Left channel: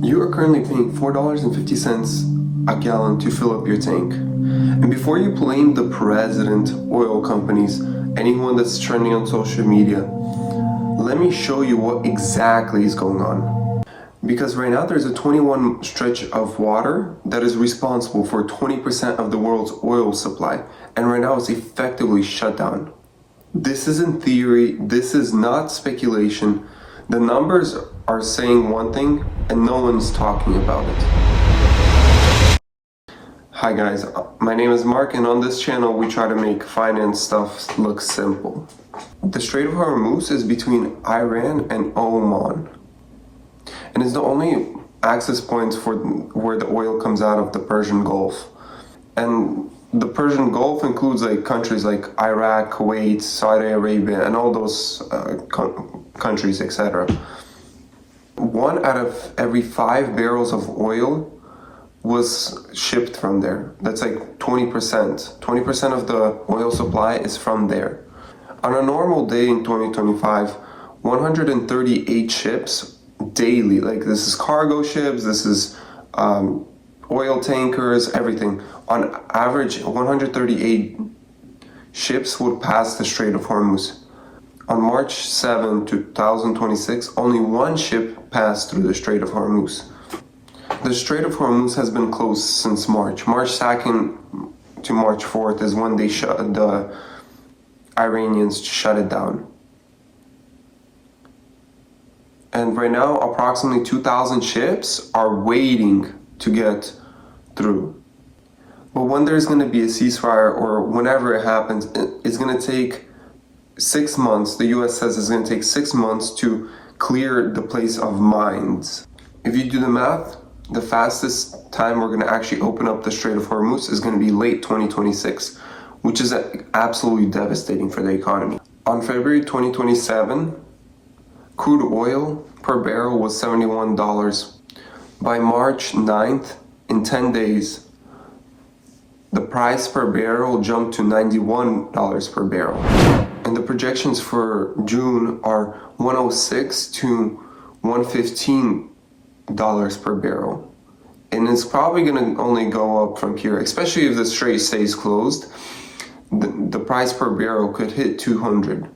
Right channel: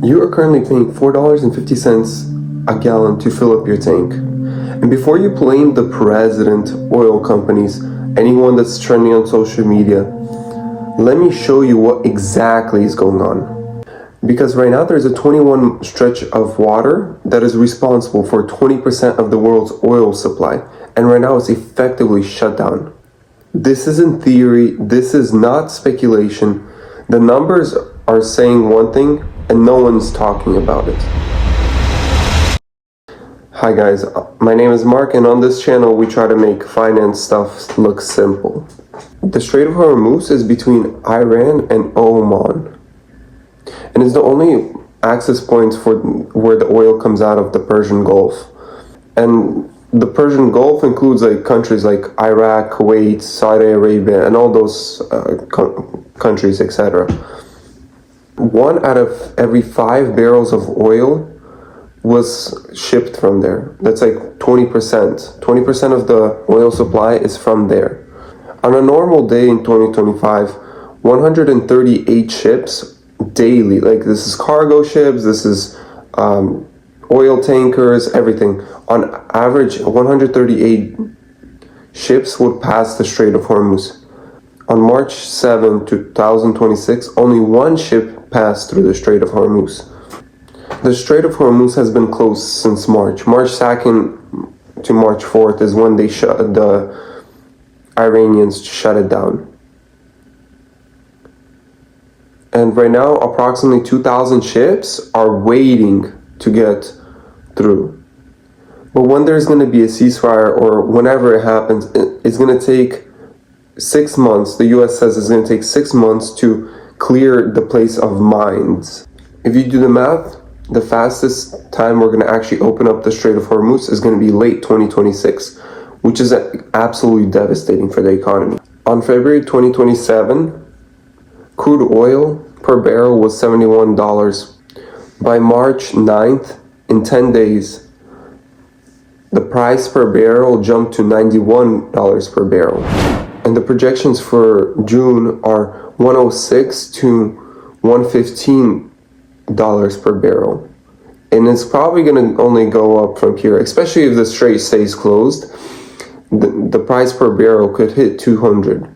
You are currently paying $4.50 a gallon to fill up your tank. And before you blame the president, oil companies, anyone that's trending on social media, let me show you what exactly is going on. Because right now there's a 21 stretch of water that is responsible for 20% of the world's oil supply. And right now it's effectively shut down. This isn't theory, this is not speculation. The numbers are saying one thing and no one's talking about it. Hi guys, my name is Mark and on this channel we try to make finance stuff look simple. The Strait of Hormuz is between Iran and Oman. And it's the only access points for where the oil comes out of the Persian Gulf. And the Persian Gulf includes like countries like Iraq, Kuwait, Saudi Arabia, and all those countries, etc. 1 out of every 5 barrels of oil was shipped from there. That's like 20%. 20% of the oil supply is from there. On a normal day in 2025, 138 ships daily, like this is cargo ships, this is oil tankers, everything. On average, 138 ships would pass the Strait of Hormuz. On March 7, 2026, only 1 ship passed through the Strait of Hormuz. The Strait of Hormuz has been closed since March. March 2nd to March 4th is when the Iranians shut it down. And right now, approximately 2,000 ships are waiting to get through. But when there's going to be a ceasefire or whenever it happens, it's going to take 6 months. The US says it's going to take 6 months to clear the place of mines. If you do the math, the fastest time we're going to actually open up the Strait of Hormuz is going to be late 2026, which is absolutely devastating for the economy. On February 2027, crude oil per barrel was $71. By March 9th, in 10 days, the price per barrel jumped to $91 per barrel. And the projections for June are $106 to $115 per barrel. And it's probably going to only go up from here, especially if the strait stays closed. The price per barrel could hit 200,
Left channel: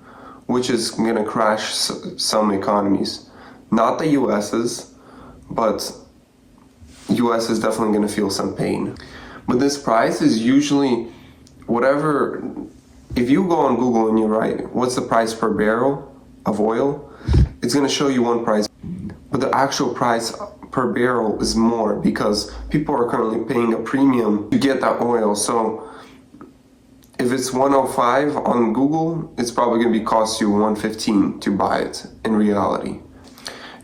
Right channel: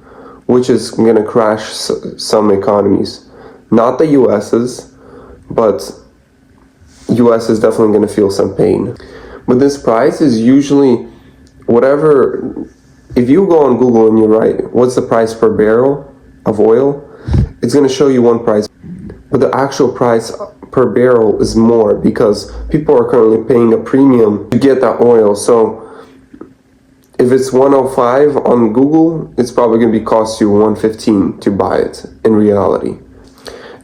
which is going to crash some economies. Not the US's, but US is definitely going to feel some pain. But this price is usually whatever. If you go on Google and you write, what's the price per barrel of oil? It's going to show you one price. But the actual price per barrel is more because people are currently paying a premium to get that oil. So if it's 105 on Google, it's probably going to cost you 115 to buy it in reality.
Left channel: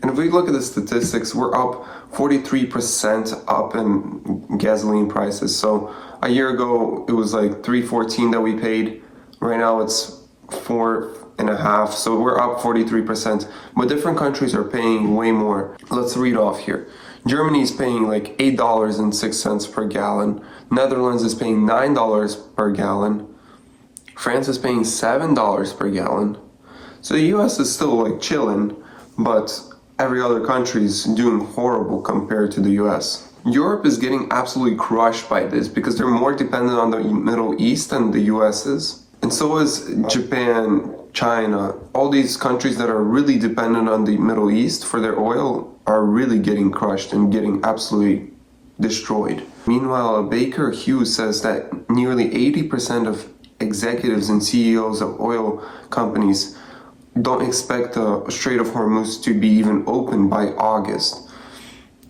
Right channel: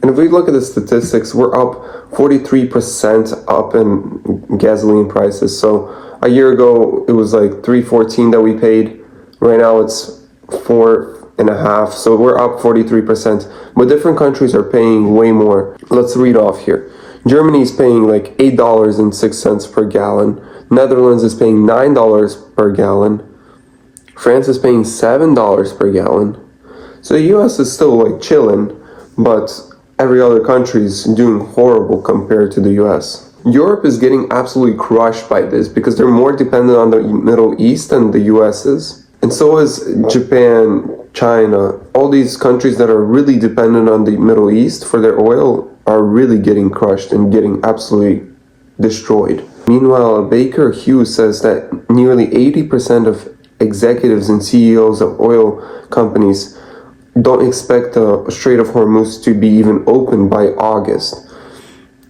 And if we look at the statistics, we're up 43% up in gasoline prices. So a year ago, it was like $3.14 that we paid. Right now it's $4.50. So we're up 43%. But different countries are paying way more. Let's read off here. Germany is paying like $8.06 per gallon. Netherlands is paying $9 per gallon. France is paying $7 per gallon. So the US is still like chilling, but every other country is doing horrible compared to the US. Europe is getting absolutely crushed by this because they're more dependent on the Middle East than the US is. And so is Japan, China. All these countries that are really dependent on the Middle East for their oil are really getting crushed and getting absolutely destroyed. Meanwhile, Baker Hughes says that nearly 80% of executives and CEOs of oil companies don't expect the Strait of Hormuz to be even open by August.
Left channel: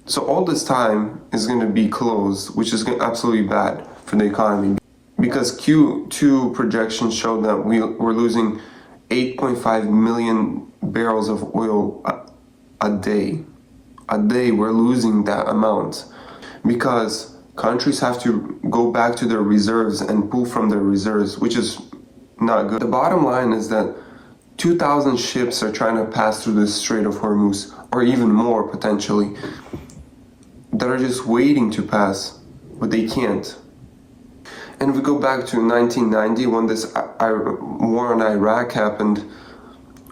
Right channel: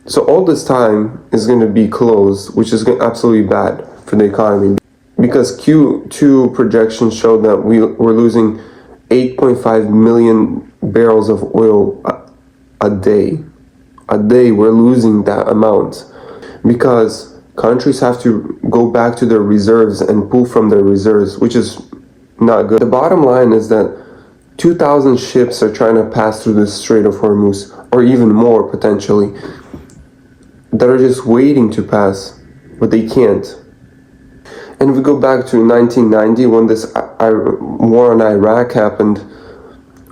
So all this time is going to be closed, which is absolutely bad for the economy. Because Q2 projections show that we're losing 8.5 million barrels of oil a day. A day we're losing that amount. Because countries have to go back to their reserves and pull from their reserves, which is not good. The bottom line is that 2,000 ships are trying to pass through the Strait of Hormuz, or even more potentially, that are just waiting to pass, but they can't. And if we go back to 1990, when this war in Iraq happened,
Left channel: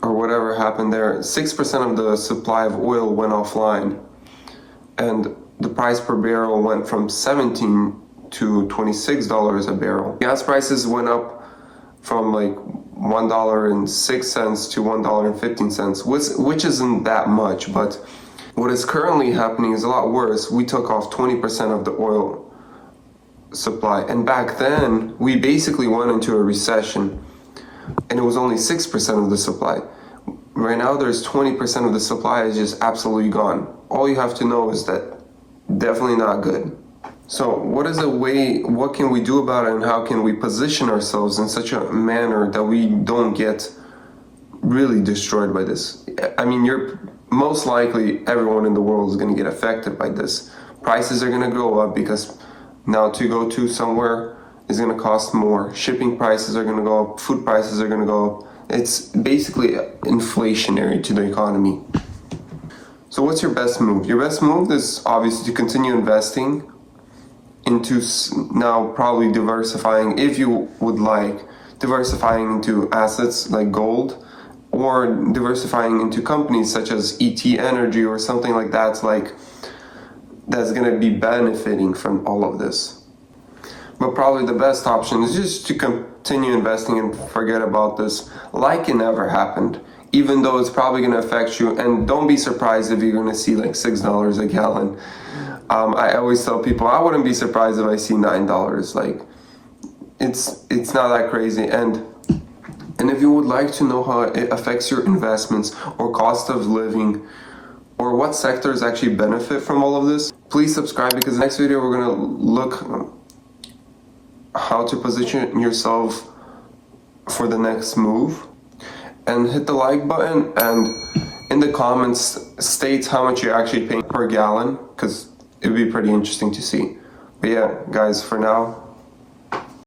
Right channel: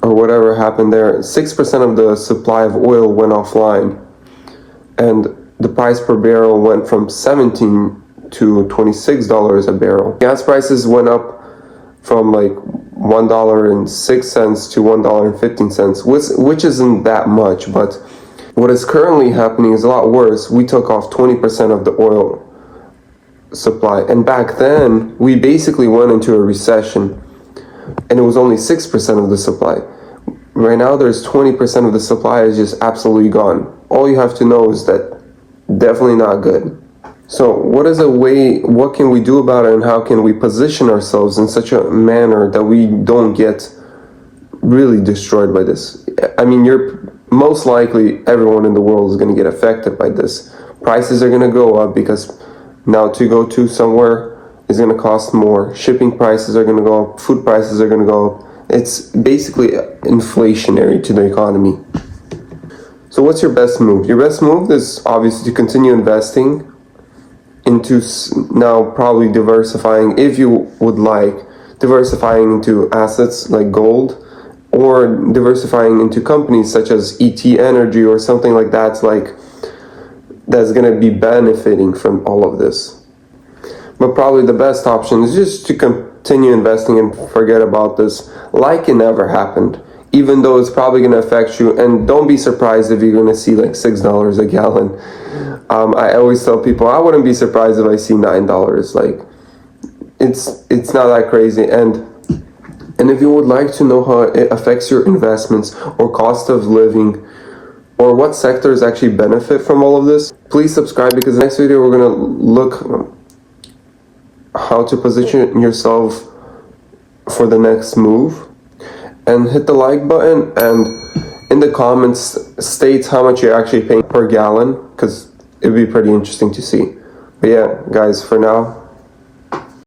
or whatever happened there, 6% of the supply of oil went offline. and the price per barrel went from 17 to $26 a barrel. Gas prices went up from like $1.06 to $1.15, which isn't that much, but what is currently happening is a lot worse. We took off 20% of the oil supply, and back then we basically went into a recession, and it was only 6% of the supply. Right now there's 20% of the supply is just absolutely gone. All you have to know is that definitely not good. So what can we do about it, and how can we position ourselves in such a manner that we don't get really destroyed by this? I mean, you're most likely everyone in the world is going to get affected by this. Prices are going to go up because now to go to somewhere is going to cost more. Shipping prices are going to go up. Food prices are going to go up. It's basically inflationary to the economy. So what's your best move? Your best move is obviously to continue investing into now probably diversifying, if you would like, diversifying into assets like gold, or diversifying into companies such as ET Energy or something like that's going to be benefiting from all of this. But probably the best option is just to continue investing and forget about this like it never happened, even though it's probably going to affect you. And don't be surprised if you're going to see like $6 a gallon. I always tell people I wouldn't be surprised if I see $9. Like it's not that crazy. And if you would like to know how it affects your investments or cost of living, or what sectors actually benefit from all of this, please subscribe, because the next video we're going to look how to position yourself for the next move. And hit the like button, and in the comments state how much you're actually paying per gallon, because it would be pretty interesting to see. But yeah, guys, for now,